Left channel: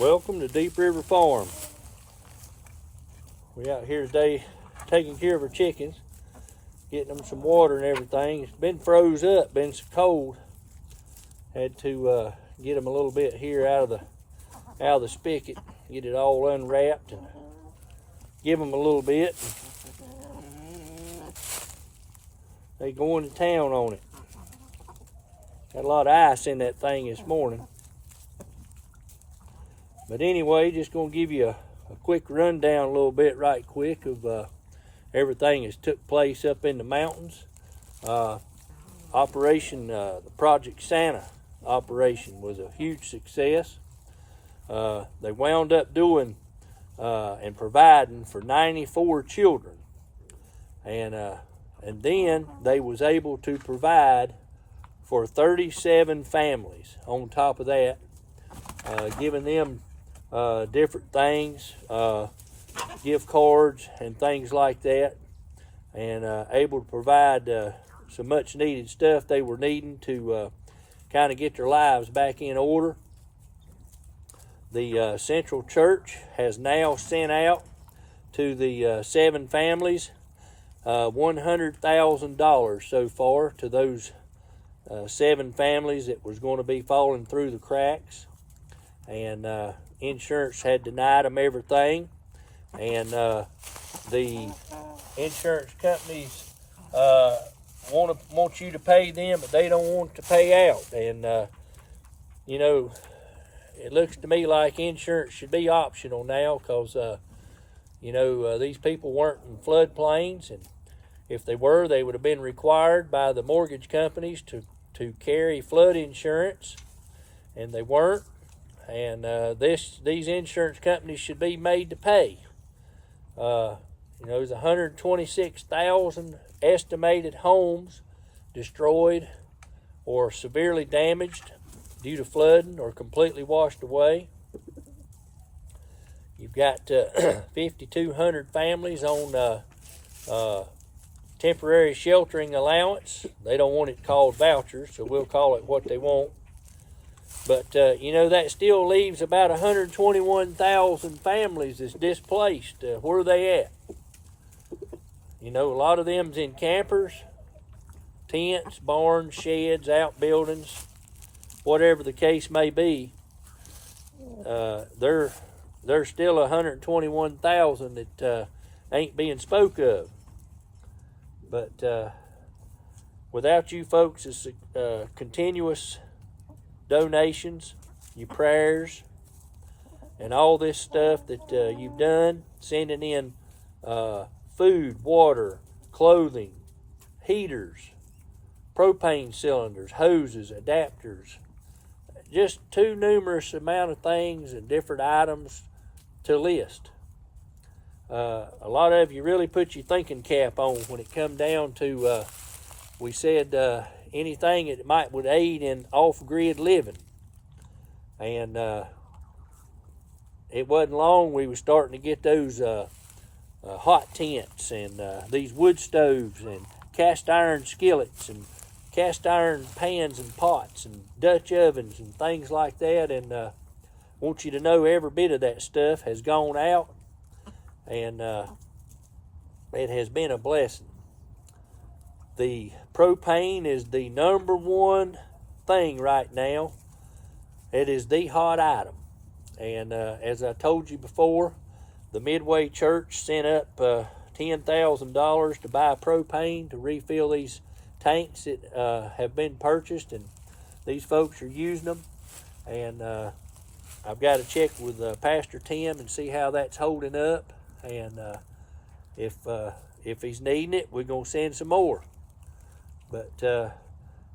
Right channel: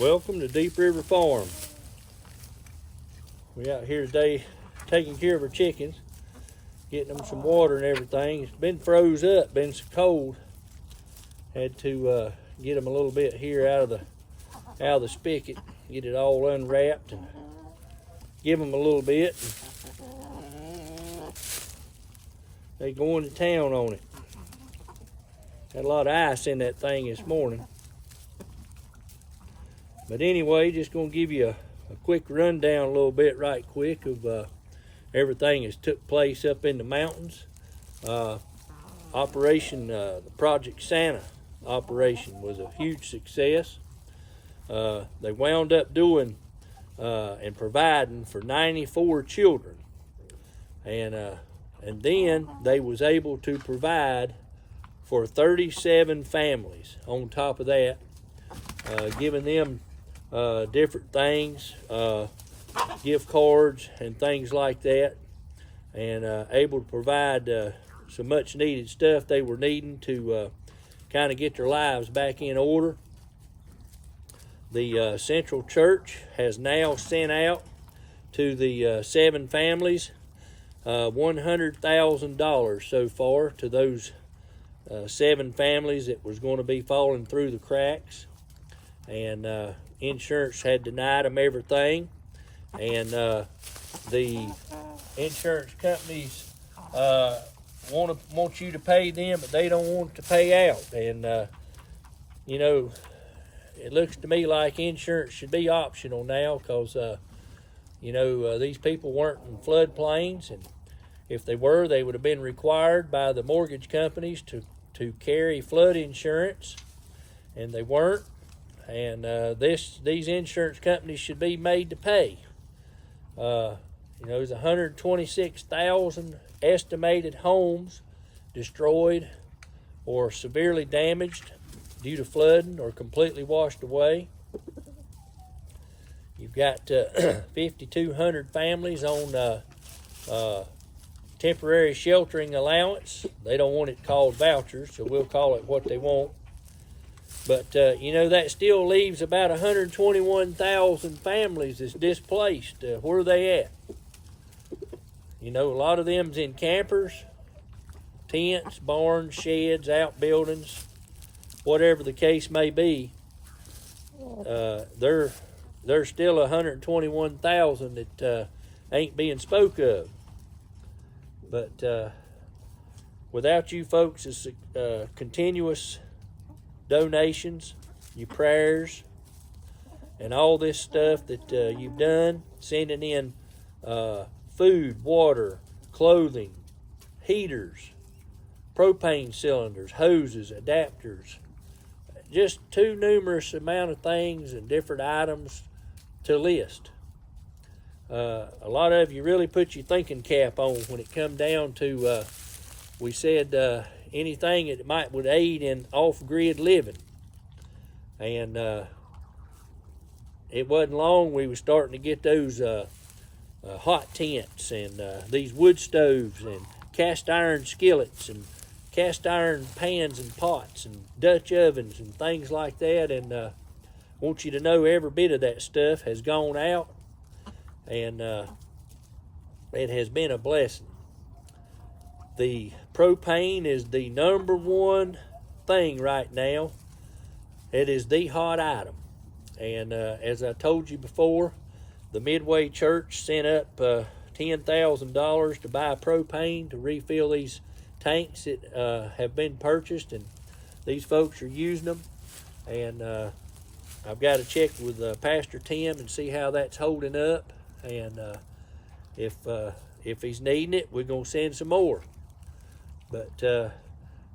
Welcome to Deep River Farm. We're out here today taking care of our chickens, getting them some water and everything. It's been froze up, been so cold. Had to get them a little bit here out of the spigot, get it all unwrapped and give them a little bit. They going to town on it. Got a lot of ice in that thing this morning. But anyway, just going to give you a quick rundown a little bit right quick of everything that's took place up in the mountains. The Project Santa operation was a huge success. They wound up doing and providing for 94 children. And then they was able to provide for 37 families on top of that, giving them different things, gift cards and things like that, and able to provide some much needed stuff they were needing to kind of get their lives back in order. The Central Church has now sent out to the 7 families $100,000 so far to those 7 families that was going to be falling through the cracks, and insurance had denied them everything, and the insurance companies want you to pay them, but they don't want to pay out. And you know, it looks to me like insurance should be optional now, because these people weren't in floodplains, and if they were, they would have been required by the mortgage companies to carry flood insurance, and they weren't. And these insurance companies should be made to pay. There's 126,000 estimated homes destroyed or severely damaged due to flooding or completely washed away. You've got 5,200 families on temporary sheltering allowance. They don't want it called vouchers, so we'll call it what they want. But, that still leaves about 121,000 families that's displaced. Where are they at? A lot of them's in campers, tents, barns, sheds, outbuildings, whatever the case may be. There's still 121,000 that ain't being spoke of. But without you folks, it's continuous donations, your prayers, and all this stuff that you've done, sending in food, water, clothing, heaters, propane cylinders, hoses, adapters, just too numerous amount of things and different items to list. A lot of you really put your thinking cap on when it come down to, we said, anything that would aid in off-grid living. And it wasn't long we were starting to get those hot tents and these wood stoves and cast iron skillets and cast iron pans and pots and Dutch ovens and things like that. And I want you to know every bit of that stuff has gone out, and it has been a blessing. The propane is the number one thing right now. It is the hot item. And as I told you before, the Midway Church sent up $10,000 to buy propane to refill these tanks that have been purchased, and these folks are using them. And I've got to check with Pastor Tim and see how that's holding up. And if he's needing it, we're going to send some more. But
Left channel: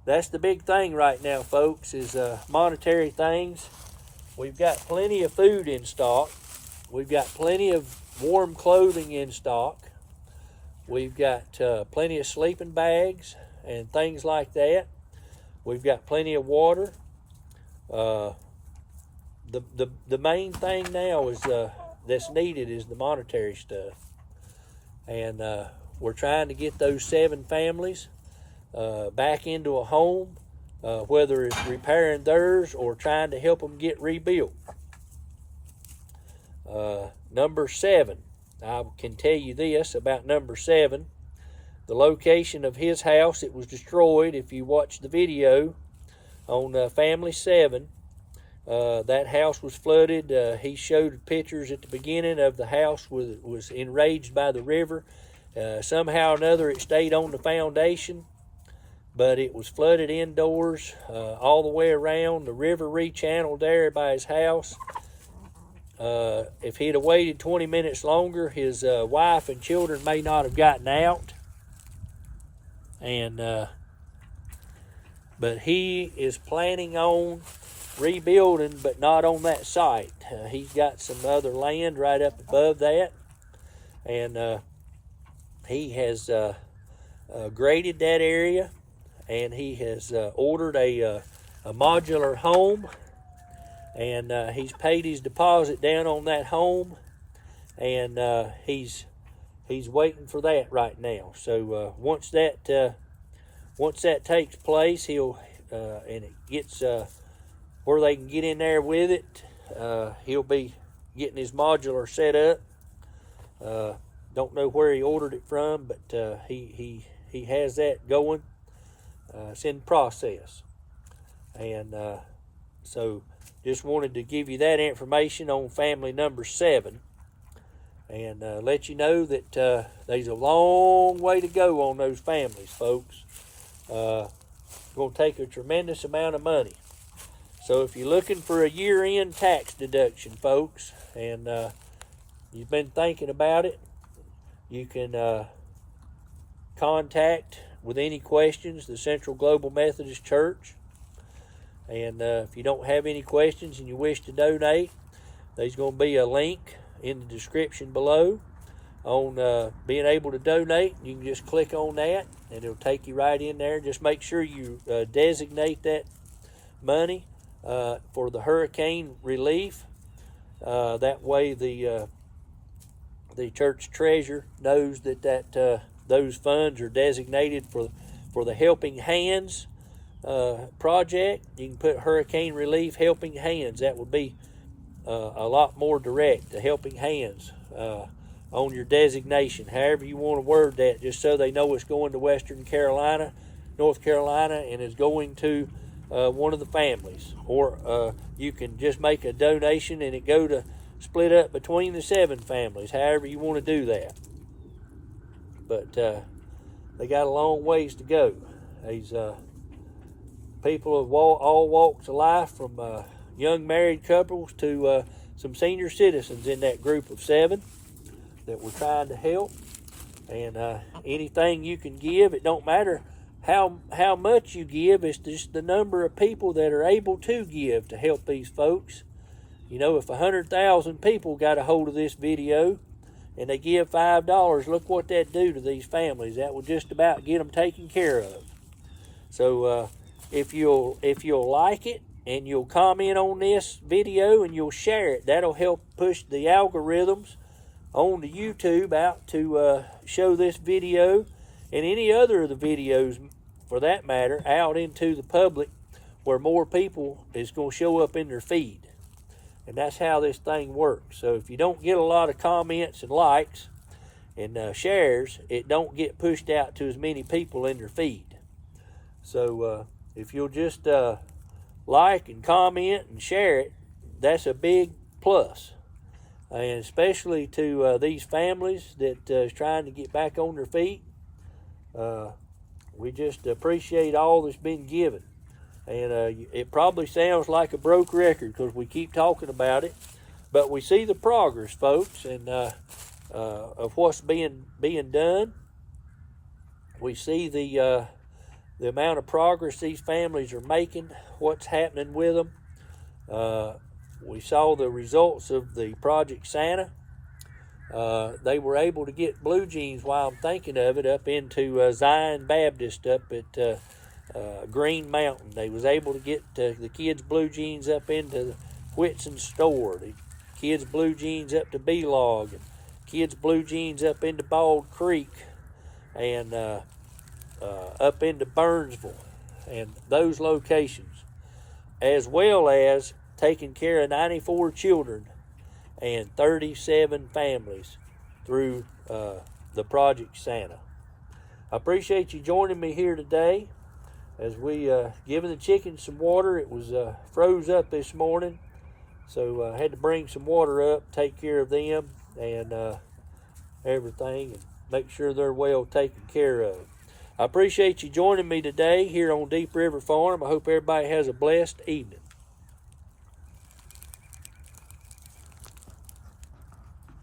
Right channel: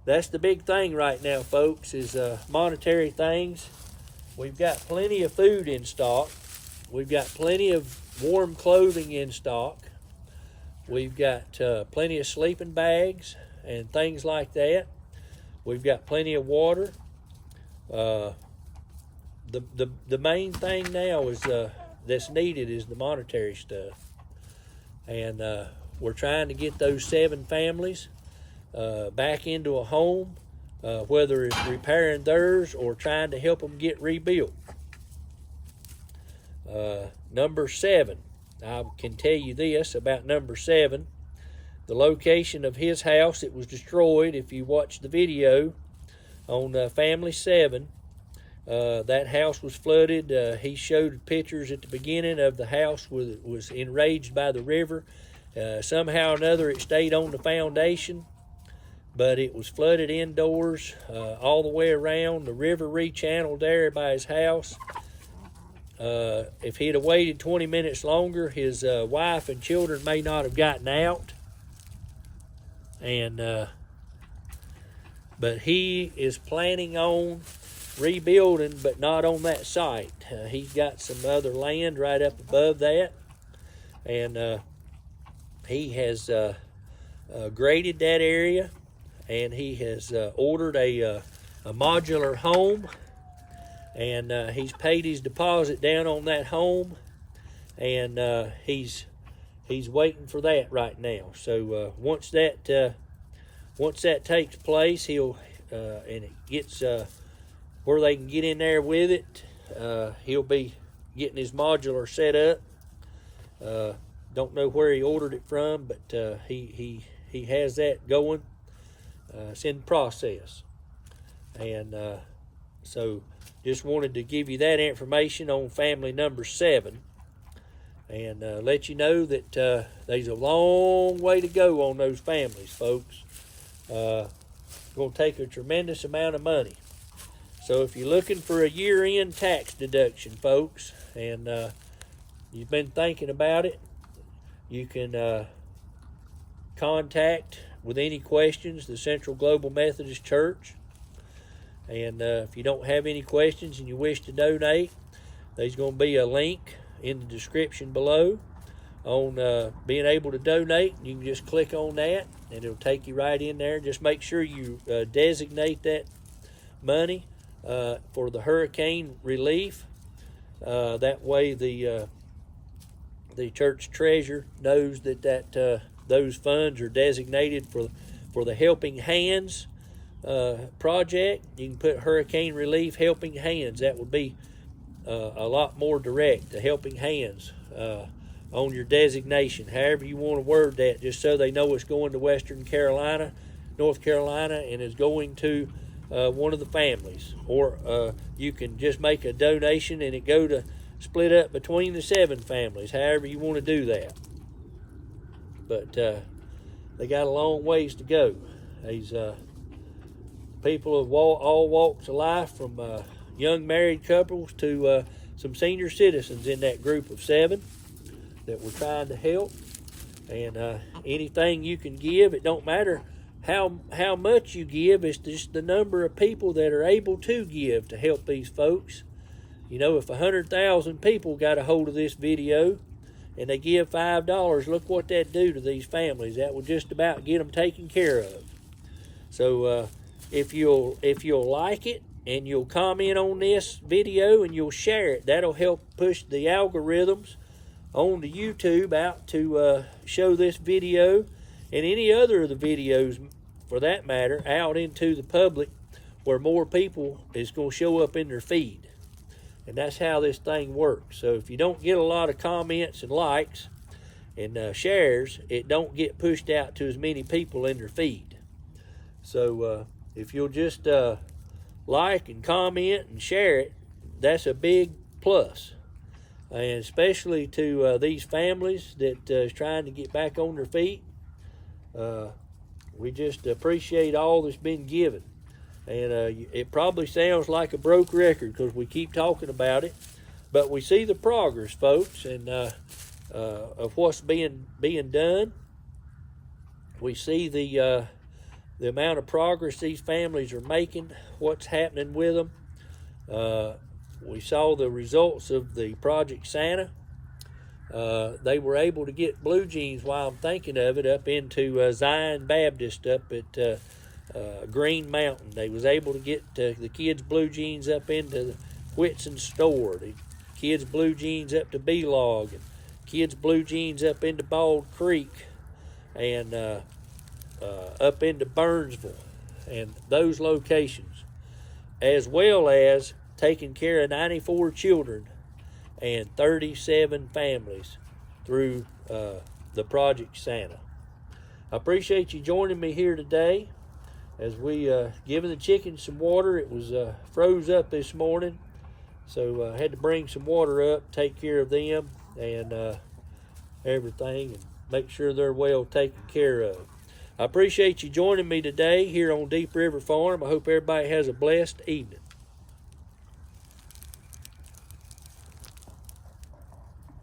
that's the big thing right now, folks, is monetary things. We've got plenty of food in stock. We've got plenty of warm clothing in stock. We've got plenty of sleeping bags and things like that. We've got plenty of water. The main thing now is that's needed is the monetary stuff. And we're trying to get those 7 families back into a home, whether it's repairing theirs or trying to help them get rebuilt. Number 7, I can tell you this about number 7. The location of his house, it was destroyed. If you watch the video on Family 7, that house was flooded. He showed pictures at the beginning of the house was enraged by the river. Somehow or another it stayed on the foundation, but it was flooded indoors all the way around. The river rechanneled there by his house. If he'd have waited 20 minutes longer, his wife and children may not have gotten out. But he is planning on rebuilding, but not on that site. He's got some other land right up above that, and he has graded that area, and he has ordered a modular home, and he's paid his deposit down on that home, and he's waiting for that right now. So once that takes place, he'll and it gets where they can get in there with it, he'll be getting his modular set up. Don't know where he ordered it from, but he has that going. It's in process, and so just wanted to give you that information on family number 7, and let you know that there's a long way to go on those families, folks. It's going to take a tremendous amount of money. So if you're looking for a year-end tax deduction, folks, and you've been thinking about it, you can contact with any questions the Central Global Methodist Church. And if you don't have any questions and you wish to donate, there's going to be a link in the description below on being able to donate. You can just click on that and it'll take you right in there. Just make sure you designate that money for the hurricane relief. That way the church treasurer knows that those funds are designated for the Helping Hands project. You can put Hurricane Relief Helping Hands. That would be a lot more direct, the Helping Hands, on your designation. However you want to word that, just so they know it's going to Western Carolina, North Carolina, and is going to one of the families. Or you can just make a donation and it go to split up between the 7 families, however you want to do that. But they got a long ways to go. These people of all walks of life, from young married couples to some senior citizens in that group of 7 that we're trying to help. And anything you can give, it don't matter how much you give, it's just the number of people that are able to give to help these folks. You know, if 100,000 people got a hold of this video and they give $5, look what that do to these families. That would just about get them taken care of. So if you'll like it and you'll comment on this video and you'll share it, that'll help push the algorithms on to YouTube out to show this video and any other of the videos, for that matter, out into the public, where more people is going to show up in their feed. And that's how this thing works. So if you don't get a lot of comments and likes and shares, it don't get pushed out to as many people in their feed. So if you'll just like and comment and share it, that's a big plus. And especially to these families that is trying to get back on their feet. We just appreciate all that's been given. And it probably sounds like a broke record because we keep talking about it, but we see the progress, folks, and of what's being done. We see the amount of progress these families are making, what's happening with them. We saw the results of the Project Santa. They were able to get blue jeans, while I'm thinking of it, up into Zion Baptist up at Green Mountain. They was able to get the kids' blue jeans up into Whitson's store, the kids' blue jeans up to B-Log, and kids' blue jeans up into Bald Creek, and up into Burnsville, and those locations, as well as taking care of 94 children and 37 families through the Project Santa. I appreciate you joining me here today as we giving the chickens some water. It was froze up this morning, so I had to bring some water up, take care of them and everything, and make sure they're well taken care of. I appreciate you joining me today here on Deep River Farm. I hope everybody has a blessed evening.